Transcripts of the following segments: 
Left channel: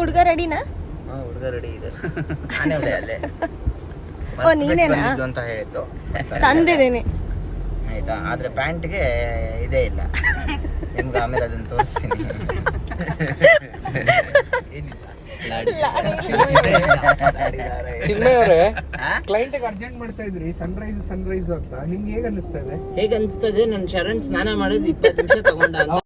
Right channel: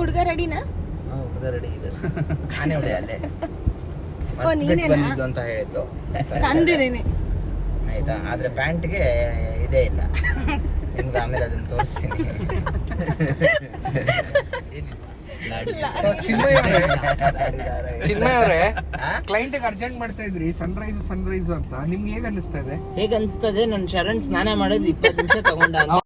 ಹುಡುಗ ರೆಡಿನಾ? ಹುಡುಗ ರೆಡಿ ಇದೆ. ನಾನೇ ಅಲ್ಲೇ ಬಂದಿದ್ದು ಅಂತ ಹೇಳಿದ್ದು ತಂದಿದ್ದೀನಿ ಆಯ್ತಾ. ಆದ್ರೆ ಪ್ಯಾಂಟ್ಗೆ ಇದೇ ಇಲ್ಲ. ನಿಮ್ಗೆ ಆಮೇಲೆ ಅದನ್ನ ತೋರಿಸ್ತೀನಿ. ಕ್ಲೈಂಟ್ ಅರ್ಜೆಂಟ್ ಮಾಡ್ತಾ ಇದ್ರಿ ಸನ್ರೈಸ್ ಅಂತ ನಿಮ್ಗೆ ಹೇಗೆ ಅನಿಸ್ತಾ ಇದೆ? ಹೇಗೆ ಅನಿಸ್ತದೆ? ನನ್ನ ಶರಣ್ ಸ್ನಾನ ಮಾಡೋದು 20 ನಿಮಿಷ ತಗೊಂಡ ಅಂತ.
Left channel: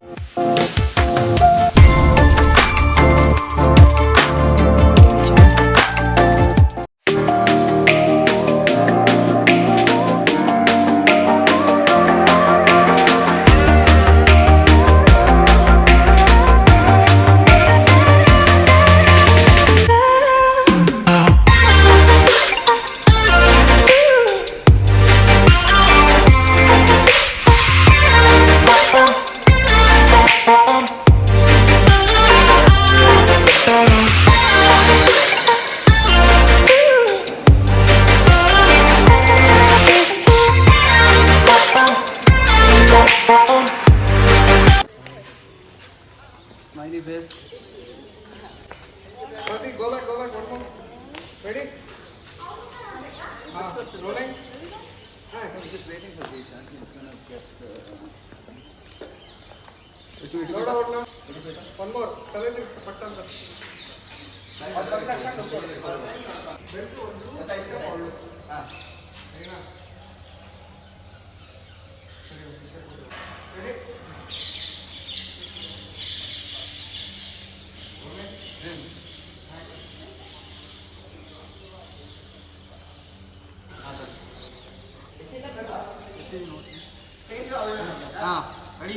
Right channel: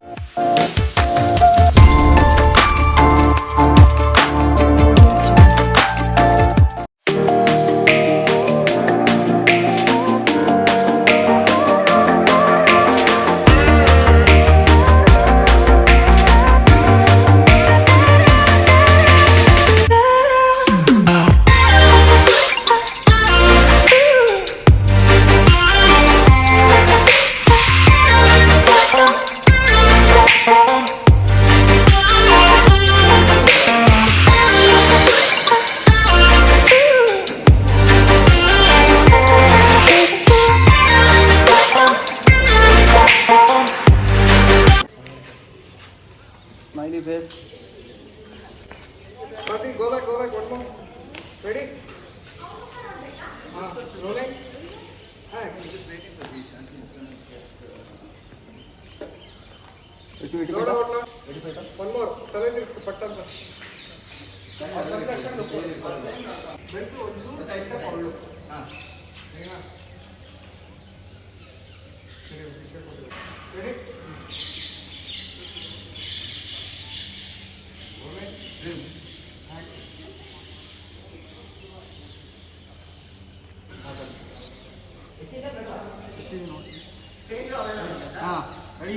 Ready?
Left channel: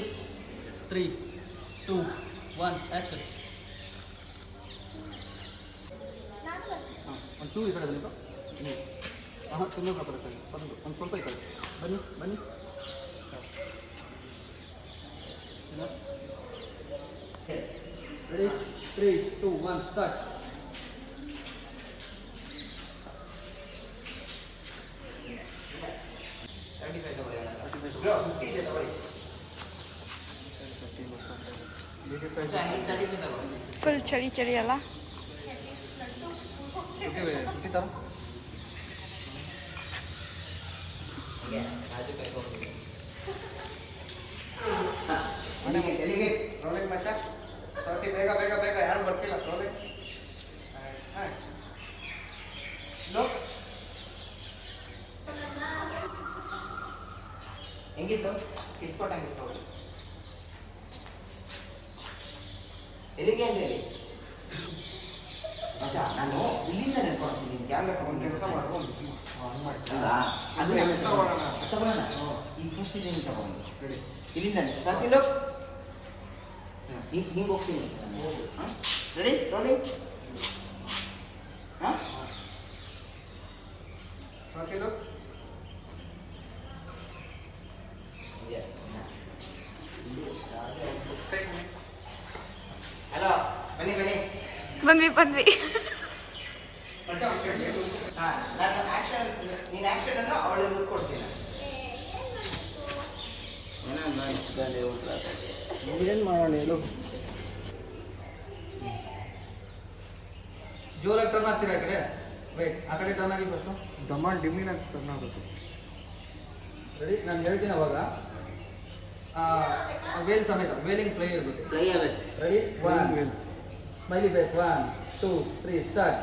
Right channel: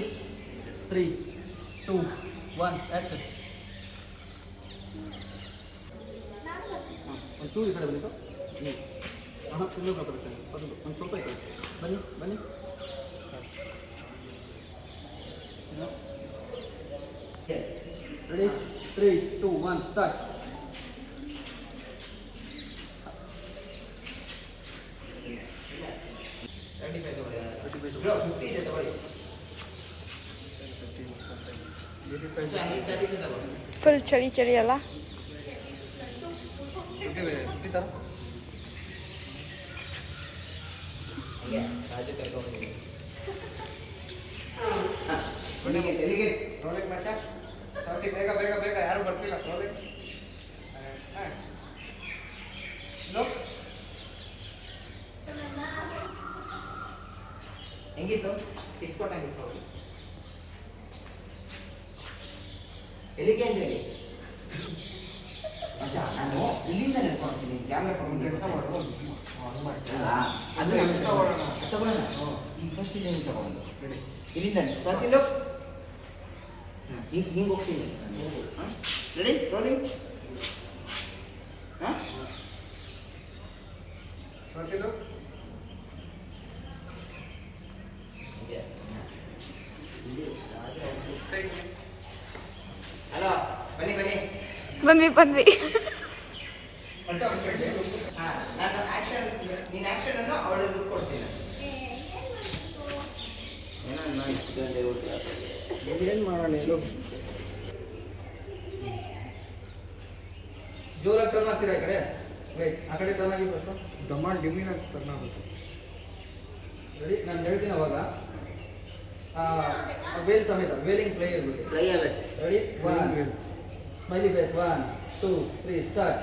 3, 2, 1, action. ಒಂಚೂರು ಈ ಕಡೆ ಬನ್ನಿ. ತುಂಬ ಮಾತಾಡ್ತೇನೆ. ಒಂದು ಸ್ವಲ್ಪ ಈ ಕಡೆ ಬನ್ನಿ. ರೆಡಿ? 3, 2, 1, ಸ್ಟಾರ್ಟ್. ಫುಲ್ ಚಳಿ ಅಲ್ಲ? ಹೆಂಗಿತ್ತು? ಇಸ್ಕೊಟ್ ಆಗಿತ್ತು. ಎಲ್ಲಿಗೆ ಅಂತ ಹೇಳಿ ಮಚ್ಚ, ನಾನು ಇಲ್ಲಿಂದ ನೆನ್ಕೊಳ್ತೀನಿ. ಕ್ಯಾಮ್ರಾ ತಗೊಂಡು ಕೆಲಸ ಮಾಡುವ ಹಂಗೆ ಮಾಡ್ತೀರಾ? ಅದು ತಗೊಳ್ಳೋಣ. ಈಗ ಫಸ್ಟ್ ಇಲ್ಲಿಂದ ತಗೊಂಡು ರೆಡಿ. ಇಲ್ಲಿಂದ ಬರ್ತಿಲ್ಲ. ಹಿಂಗೆ ಹೋಗ್ತೀನಿ. ರೆಡಿ? ರೋಲಿಂಗ್. ಹಾಂ ಬರ್ತಿಲ್ಲ. ಹಲೋ, ಬನ್ನಿ. ನಾನು ಆಕ್ಷನ್, ನೀನು ಆಕ್ಷನ್ ಅನ್ನು ಅವಳಿಗೆ ದುಡ್ಡು ಕೊಡ್ತೀನಿ. ಏನು ಮಾಡೋಣ ಹೇಳು? ಜೋರಾಗಿ ಟರ್ನ್ ಆಗ್ತೀರಾ ಆ ಕಡೆ? ಆ ಕಡೆ ಟರ್ನ್ ಆಗಿ ಫಸ್ಟು ಡಿಮ್ಮಿಂಗ್ ಆಗಿ ಟರ್ನ್ ಆಗುತ್ತೆ. ರೆಡಿ? ನಾನು ಹೇಳ್ತೀನಿ ಅವಾಗ ವೇಲ್ ಸಮೇತ ವೇಲಿಂಗ್ ಫ್ಲೈ ಆಗುತ್ತೆ. Ready? 1 smiley face. 1, 2, 3 start.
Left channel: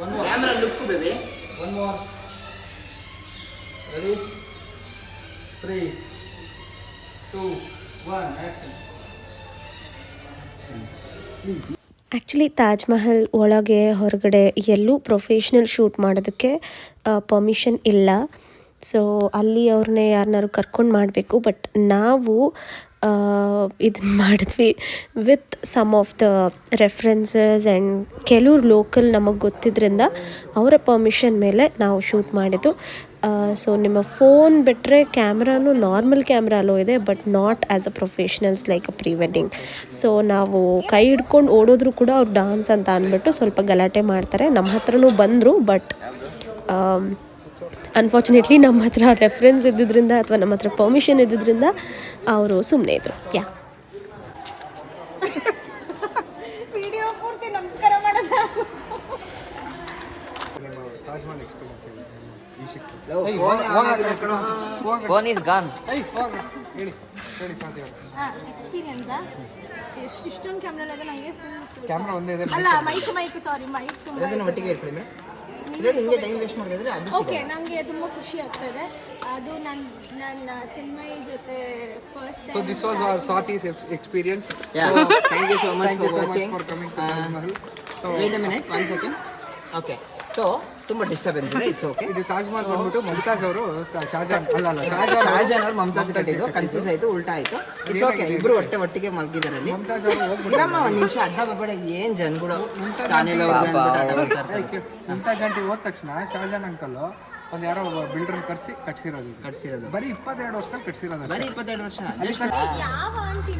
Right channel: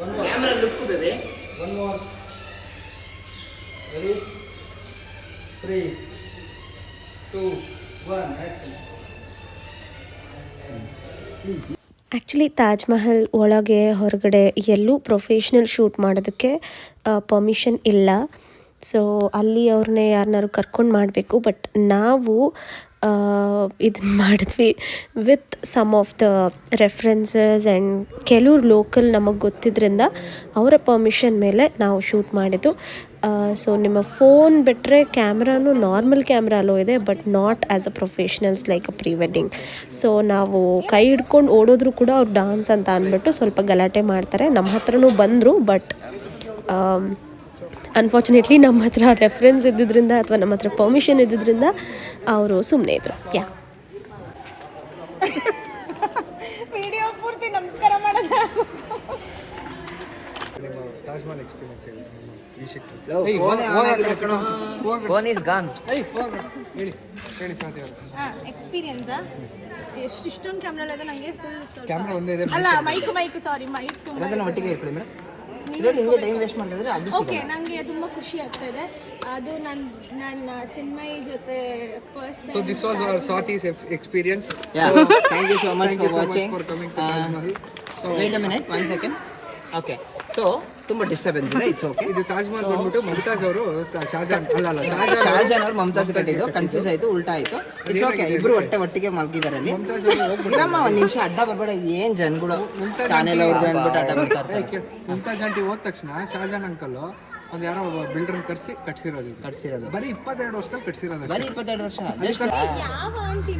One more. Camera look baby. One more. Ready? 3, 2, 1 action. Actually Taj Mahal ಒಳಗೆ ಹೊರಗಡೆ ಎಲ್ಲೂ ಪ್ರೊಫೆಷ್ನಲ್ ಶೂಟ್ ಮಾಡೋದಕ್ಕೆ ಪರ್ಮಿಷನ್ ಇಲ್ಲ. ಸೊ ಅಲ್ಲಿ ಅವ್ರನ್ನೇ ಯಾರನ್ನಾರು ಕರ್ಕೊಂಡು ಮಾಡಬೇಕು. ಬಟ್ ನಾವು ಇದನ್ನು ಮಾಡಿದ್ವಿ with some of the references and ಕೆಲವ್ರು ಲೋಕಲ್ ನಮಗೆ ಗೊತ್ತಿದ್ದರಿಂದ ಅವರ ಪರ್ಮಿಷನ್ ಮೇಲೆ ನಾವು ಶೂಟ್ ಮಾಡಿದ್ದು. ಸೊ ನಿಮ್ಮ ಫೋನ್ ಬಿಟ್ಟರೆ ಕ್ಯಾಮ್ರಾನು ನಾರ್ಮಲ್ ಕ್ಯಾಮ್ರಾ ಅಲ್ಲೋ ಇದೆ, but not as a professionals like a pre wedding. So ನಾವು ಕೈ ಹಿಡ್ಕೊಂಡು ಓಡೋದ್ರು ಕೂಡ ಅವ್ರು ಡಾನ್ಸ್ ಅಂತ ಅಂದ್ಬಿಟ್ಟು ಸ್ವಲ್ಪ ಗಲಾಟೆ ಮಾಡ್ತಾರೆ. ನಮ್ಮ ಹತ್ರನೂ ಬಂದರು, ಬಟ್ ಅನ್ಫಾರ್ಚುನೇಟ್ಲಿ ನಮ್ಮ ಹತ್ರ ರೆಫರೆನ್ಸ್ ಇದ್ದಿದ್ದರಿಂದ ಅಥವಾ ನಮ್ಮ ಹತ್ರ ಪರ್ಮಿಷನ್ ಇದ್ದಿದ್ದರಿಂದ ಅವರು ಸುಮ್ಮನೆ ಇದ್ದರು. ತಾಜ್ ಮಹಲ್ ಎಕ್ಸ್ಪೀರಿಯನ್ಸ್ ಹೇಳಿ ಈ ಶಕ್ತಿ ಫೋನ್ ಇಸ್ ಗಾನ್. ಹೇಳಿ ಶಾಂತಿ ಅವರು. ಎಕ್ಸ್ಪೀರಿಯನ್ಸಾ ಇಷ್ಟೊಂದು ಕ್ಯಾಮ್ರಾ ಇದೆ ನನಗೆ ಫುಲ್ ಕ್ಯಾಮ್ರಾ ಒಂದೇ ಇದೆ. ಅಲ್ಲ ಮೈಕ್ ಸಾರಿ ಮೈಕ್ ತುಂಬ ಒಟ್ಟಿಗೆ ಇಟ್ಕೊಳ್ಳಿ ಮೇಡಮ್. ನಿಮಗೆ ಟೈಮ್ ವೇಸ್ಟ್ ಮಾಡಿದ್ರೆ ಅದು ಓಕೆ. ನನಗೆ ತುಂಬ ಖುಷಿ ಆಗ್ತಾ ಇದೆ. ಅದು ನನ್ನ ಚಿನ್ಮಯಿ ಜೊತೆ first So this was our Swati's experience. Yeah. Thank you so much for watching. For coming to Taj Mahal. So Wait a minute, 1 second. Okay. So ತುಂಬಾ ಡಿಸ್ಟರ್ಬೆನ್ಸ್ ಇದೆ. It's okay. ಇದು ತಾಜ್ ಮಹಲ್ ಬಂದ್ಬಿಟ್ಟು ಮಮತಾಜ್ ಅವರು ಶಹಜಾನ್ ಶಹಜಾನ್ ಅವರು ಮಮತಾಜ್ ಕಟ್ಟಿದ್ದು. ಕನ್ಫ್ಯೂಸ್ ಆಯ್ತು, ಉಲ್ಟಾ ಆಯ್ತು. It's okay. ಇಬ್ರು ಒಟ್ಟಿಗೆ ಮಲ್ಗಿದ್ದಾರೆ ಅಲ್ಲಿ. ಮಮತಾಜ್ ಅವರು ಇರಮ್ಮ ಒಂದ್ ನಿಮಿಷ, ಅಡ್ಡ ಬರ್ಬೇಡ. ಏನ್ ಜನಗಳು ಚಾನೆಲ್ ಅವ್ರದ್ದು ಅಂದ್ಬಿಟ್ಟು ಅಡ್ಡ ಬರ್ತಾರೆ. ಮಮತಾಜ್ ಆಂಟಿ ಹೋದ ತಕ್ಷಣ ಶಹಜಾನ್ ಅಂಕಲ್ ಒಂದ್ ಯಾರೋ ಒಬ್ಬ ಬಿಲ್ಡರ್ ಕಟ್ಸಿರೋದು ಬರೀ 22 ವರ್ಷದಲ್ಲಿ ಕಟ್ಸಿರೋದು. ಬರೀ 22 ವರ್ಷ ಜಸ್ಟ್ ಯಾವ ಆಂಟಿ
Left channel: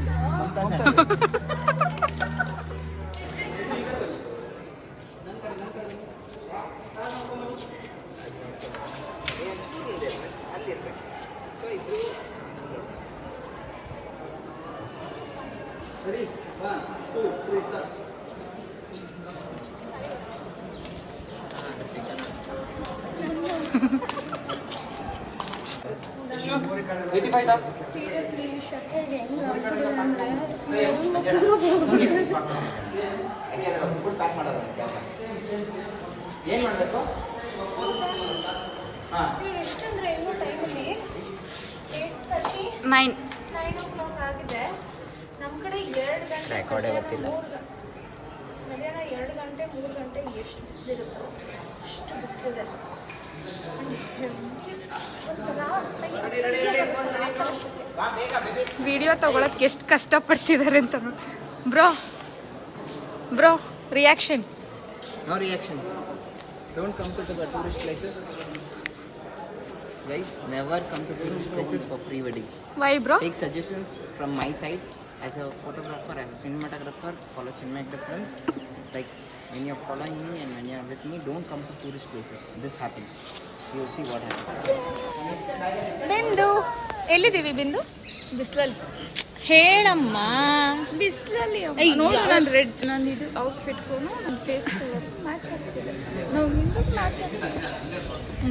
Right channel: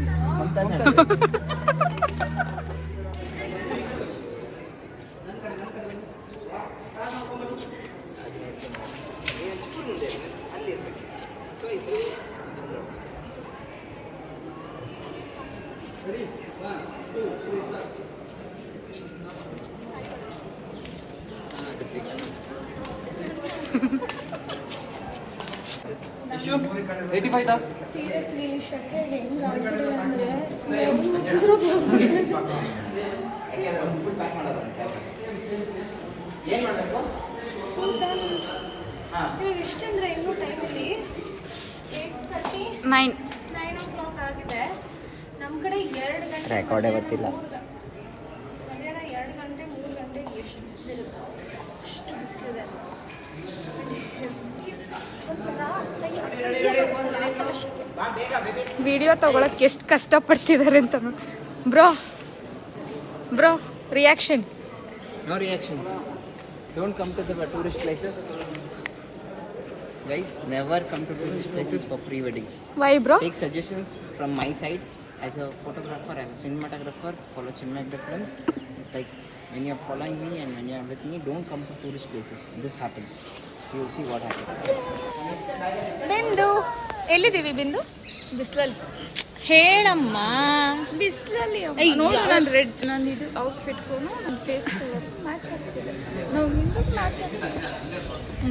ಸೀರಿಯಸ್ಲಿ ಶಕೆ ಹೆಂಗ್ ಆಗ್ಬಿಟ್ಟಿದೆ ಅಂದ್ರೆ ಏನ್ ಮಾಡ್ಬೇಕು? ಇವಾಗ ಎಷ್ಟಂದ್ರೆ ಇನ್ನೂ ಟೈಮಲ್ಲಿ 9 o'clock ಆಗಿದೆ. ನಮ್ಮ ಕಡೆ 2 ಗಂಟೆ ಮಧ್ಯಾಹ್ನ 2 ಗಂಟೆ 3 ಗಂಟೆಗೆ ಎಷ್ಟು ಬಿಸಿಲಿರುತ್ತೋ ಅಷ್ಟು ಬಿಸಿಲಿದೆ. ಒಂಥರ ವಿಡಿಯೋ ತಗೊಳಕ್ಕೆ ಎಷ್ಟು ಕಷ್ಟಪಡ್ತಿದ್ದಾರೆ ಅಂತ ನೋಡಿ. Bro reaction. No reaction. Don't come to the tourist places. Guys, never come to tourist places for pre-weddings. Why bro? Take suggestions from my side as a photographer, as a cinematographer. Follow Chinmay films. Like when you're following me and when you're with me, don't come to tourist places. This happens. You will see what happens. ಬಿಂದು ಎಲ್ಲಿದ್ದೀವಿ? ಬಿಂದು ಬಿಸ್ಲಲ್ಲಿ ಹೇಳಮ್ಮ. ಬಿಸ್ಲಲ್ಲಿ ನೋಡು, ನಾನು red ನಾನು ಇದು ಔಟ್ಫಿಟ್ಗೂ ನನ್ನ ಫೇಸ್ ಮ್ಯಾಚ್ ಆಗ್ತಿದೆ. ನಾವು ನಿಂದು ಮ್ಯಾಚ್ ಆಗ್ತಿದೆ.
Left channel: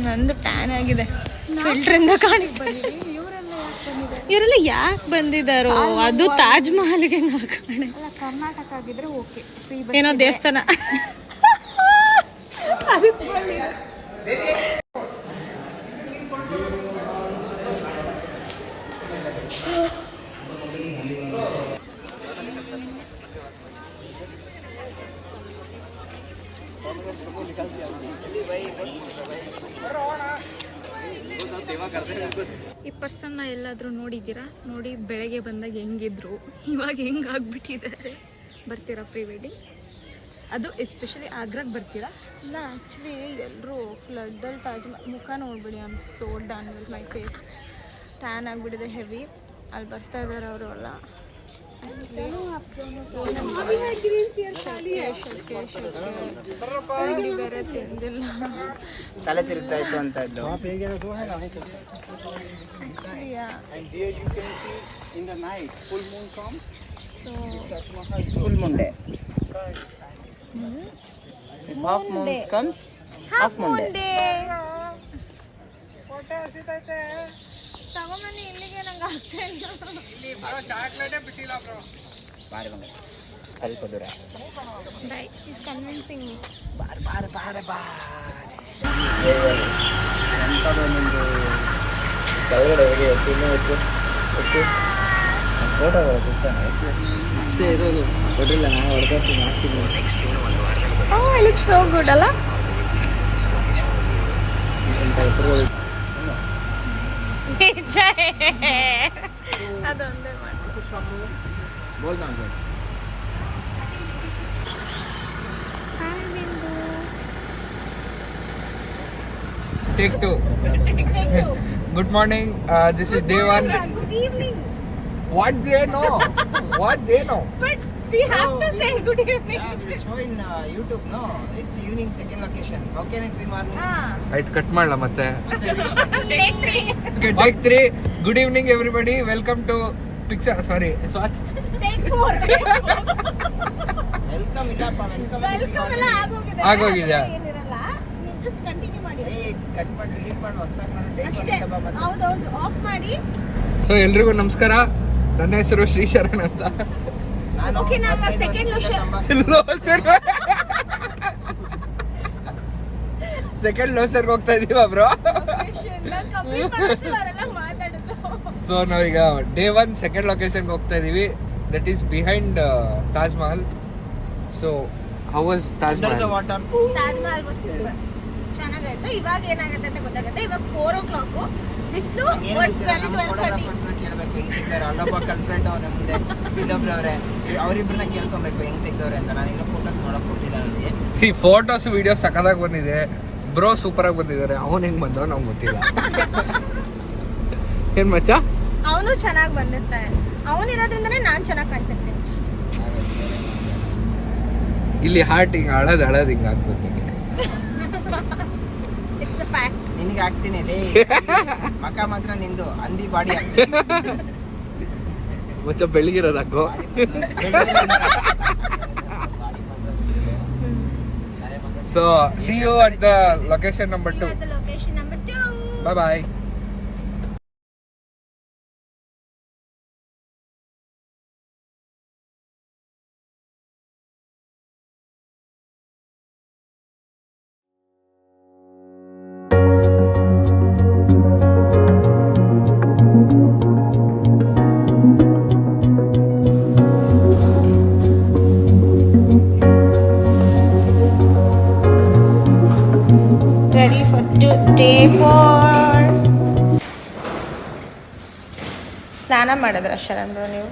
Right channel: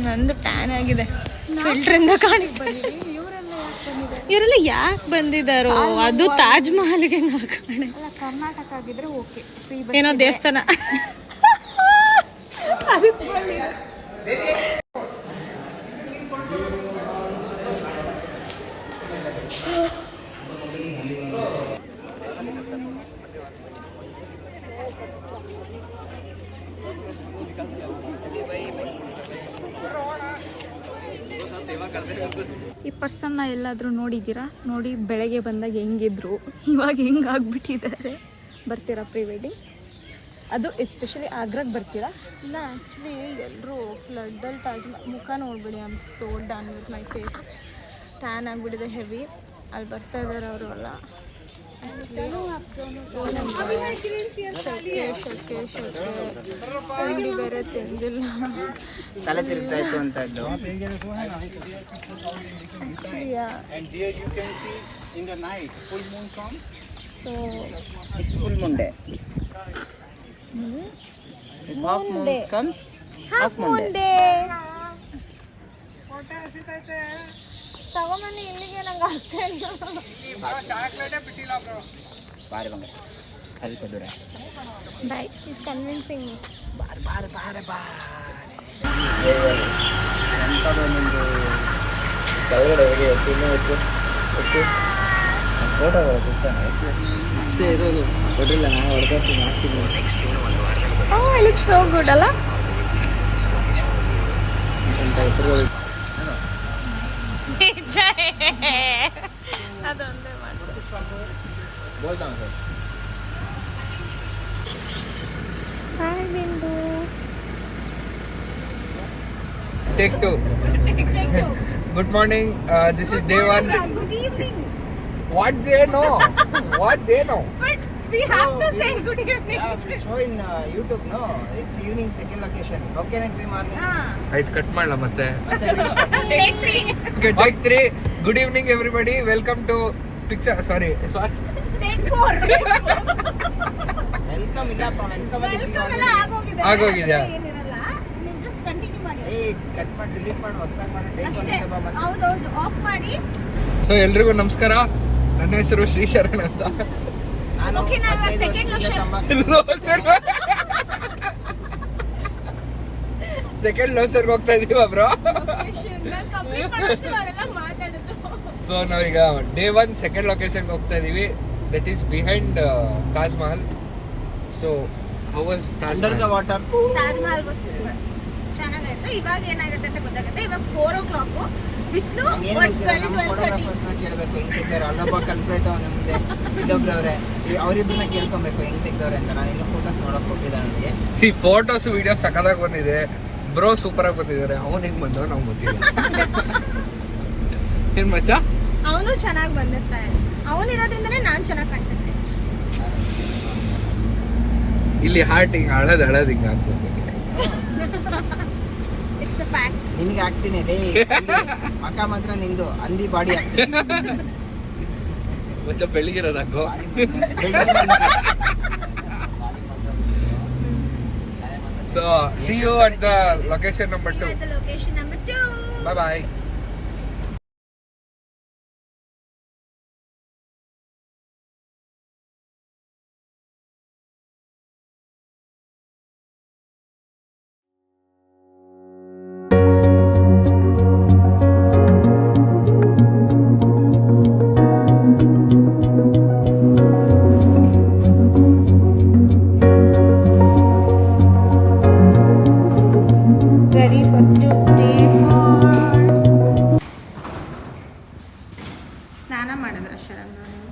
ನಂದು ಟ್ಯಾನ್ ಆಗಿದೆ, ಫಿಲ್ಟ್ರಿಂದ ಕಾಣಿಸ್ತಾ. ಇವರೆಲ್ಲ ಯಾಕೆ ಬಂದಿದ್ದಾರೋ? ಅದು ತಾಜ್ ಮಹಲ್ಗೆ ನಾವು ಕಾಣೆ. ಕರ್ನಾಟಕ ಆಗಿದ್ರೆ ಓಕೆ, ಏನೋ ದೇವಸ್ಥಾನ. ಈ ಪರ್ಸನ್ನ ಎಲ್ಲಾದರೂ ನೋಡಿದ್ದೀರಾ? ನೋಡಿ ಬೆಳಗ್ಗೆ ಬಂದಾಗ ಹೆಂಗಿದ್ರು, ಇವಾಗ ಹಿಂಗೆ ಆಗ್ಬಿಟ್ಟಿದ್ದಾರೆ. ಬರ್ತೀರಾ ಪ್ರೀ ವೆಡ್ಡಿಂಗ್? ಅದು ಎಸ್ಪೆಷಲಿ ಆಗ್ರಾಗೆ ಬರ್ತೀರಾ? ಇಲ್ಲ ಆ್ಯಕ್ಚುಲಿ ಎಲ್ಲರೂ ಫ್ಲಡ್ಡಲ್ಲಿ ತಾಜ್ ಮುಖ ನೋಡ್ಬಿಡಿ. I am so done with my face. Tan ಆಗಿಬಿಟ್ಟಿದೆ ಹೆವಿ. ಅಲ್ಲಿ ಬರ್ತಾ ಇದ್ದಾರೆ ಅವರು ಎಲ್ಲ. ಶಕೆ ತಿಂಡಿ ಬೇರೆ ತಿಂದಿಲ್ಲ. ತಲೆ ತಿರುಗ್ತಾ ಇತ್ತು ಅಂತದ್ದು. So Full moon day. If half moon comes, half moon day. ತಗೊಂಬನ್ನಿ ಇಲ್ಲಿಗೆ, ನಂಗೆ ಚಾಕ್ಲೇಟೇ ಬಿಟ್ಟಿಲ್ಲ ಬ್ರೋ. ಬಾರಿ ಬಂಗಾರ, ಸ್ವಲ್ಪ ದೂರ. Is convincing me. ಕೆಳಗಡೆ ಫೋಟೋ ಇಷ್ಟೇ ಇರೋದು. ಕೊಟ್ಟಿಲ್ಲ, ನಾನು ಹೊಡೆದು ಮಾಡ್ತೀನಿ. ಇಟ್ ಲುಕ್ಸ್ ಸೋ ಗುಡ್ ಅಲ್ಲ? ಅಂತ ಹೆಸರು ನಿಜ, ಅದೊಂದೇ ಮಾಡಿ ಬೋಲ್ತಾ ಸರ್. ಹಾಯ್ ಬಿಂದು. Take 2. Good morning. This is day 1. Good evening. What they know? But we have to say good evening. Show in YouTube, no? It's evening, second location. How can it be morning? ಆಯ್ತು, cut ಮಾಡಲ ಮತ್ತೆ. Take 3. Okay, take 3. Good evening everybody. Welcome to Pixar. Sorry, Swat. Take 4. Welcome ಇಲ್ಲಪ್ಪ, welcome ಎಲ್ಲ ಆಗೋಗಿದೆ. ಆಗೋಗಿದೆ. ಏನಿರಲ್ಲ, ನಿಜ just continue ಮಾಡಿ ಕಟ್ ಮಾಡಿ ಡಿಲೀಟ್ ಮಾಡಿ ಹೊಸದಾಗಿ ಮಾಡಿ ಅಷ್ಟೇ. ಹೌದೌದು ಆಫ್ ಮಾಡಿ. ಸೊ ಎಲ್ರಿಗೂ ನಮಸ್ಕಾರ. ನನ್ನ ಹೆಸರು ಶ್ರೀಶರಣ್ ಅಂತ. ನಾನು ಓಕೆ, ನಾವು ಸೆಕೆಂಡ್ ಸೆಕೆಂಡ್ ಲೋಸರ್ಗೆ ಹೋಗ್ತಾ ಇದೀವ ಬ್ರೋ. ಅವರೆಲ್ಲ ಮಾತಾಡಿದ್ರು. ಸೊ ನಾವೀಗ ಡೇ 1 ಸೆಕೆಂಡ್ ಲೊಕೇಶನ್ಗೆ ಹೋಗ್ತಾ ಇದೀವಿ. That is behind Taj Mahal. So how was Taj under the water. Taj Mahal bus ಚೆನ್ನಾಗಾಯ್ತು. ಇವಾಗ ಏನಾಗುತ್ತೆ ಅಂತ ಗೊತ್ತಾಗುತ್ತೆ. ಇವಾಗ 4 o'clock ಬಿಸಿಲು. ನಮ್ಮ ಫೋಟೋಗ್ರಾಫರ್ಸ್ನ ಕೇಳಬೇಕು ಹೆಂಗ್ ತೆಗ್ದವ್ರೆ. ಅಲ್ಲೊಬ್ಬ ಕಲ್ಪ್ರೇಟ್ ಅವನ ಮುಂದೆ ಇಲ್ಲೊಬ್ರು ಅವ್ರೆ, ಅವ್ರಿಬ್ರನ್ನ ಕೇಳ್ಕೊಬೇಕು ಹೆಂಗ್ ತೆಗ್ದವ್ರೆ ಅಂತ. ನಾನು ಇನ್ನು ಫೋಟೋಸ್ ನೋಡಕ್ ಕೊಟ್ಟಿಲ್ಲ ನನಗೆ. ಸಿ ಫೋಟೋಸ್ ವಿಡಿಯೋಸ್ ಸಕ್ಕದಾಗಿ ಬಂದಿದೆ ಬ್ರೋ, ಸೂಪರ್ ಆಗಿ ಬಂದಿದ್ದಾರೆ. ಅವನು ಹೆಂಗ್ ಬಂದವ ನಾವು ಗೊತ್ತಿಲ್ಲ. ಏನ್ ಮಚ್ಚ, ಅವನು ಚೆನ್ನಾಗಿ ಬಂದಿರ್ತಾನೆ. ಅವನಿರೋದ್ರಿಂದನೇ ನಾನು ಚೆನ್ನಾಗಿ ಕಾಣಿಸುತ್ತೆ. ಇಲ್ಲಿ ಹಾರ್ಟ್ ಹಿಂಗ್ ಹಳದ್ ಹಿಂಗ್ ಹಾಕ್ಬೇಕು. It's a fact. ನಿನಗೆ ಹಾಕ್ತೀನಿ ಲೇ. ಮಕ ಮಾತ್ರ ನಿಂದು, ಅಂದಿ ಬಾಡಿ ಹಾಕ್ತೀನಿ. ಮಚ್ಚ ಬೆಳಗಿರೋದು ಹಾಕೋ. So see you at the location number 2. The location number 2. Bye bye. Ready for day 4. ಸ್ನಾನ ಮಾಡಿದ್ರ ಶರಣ್ರು ನೀವು?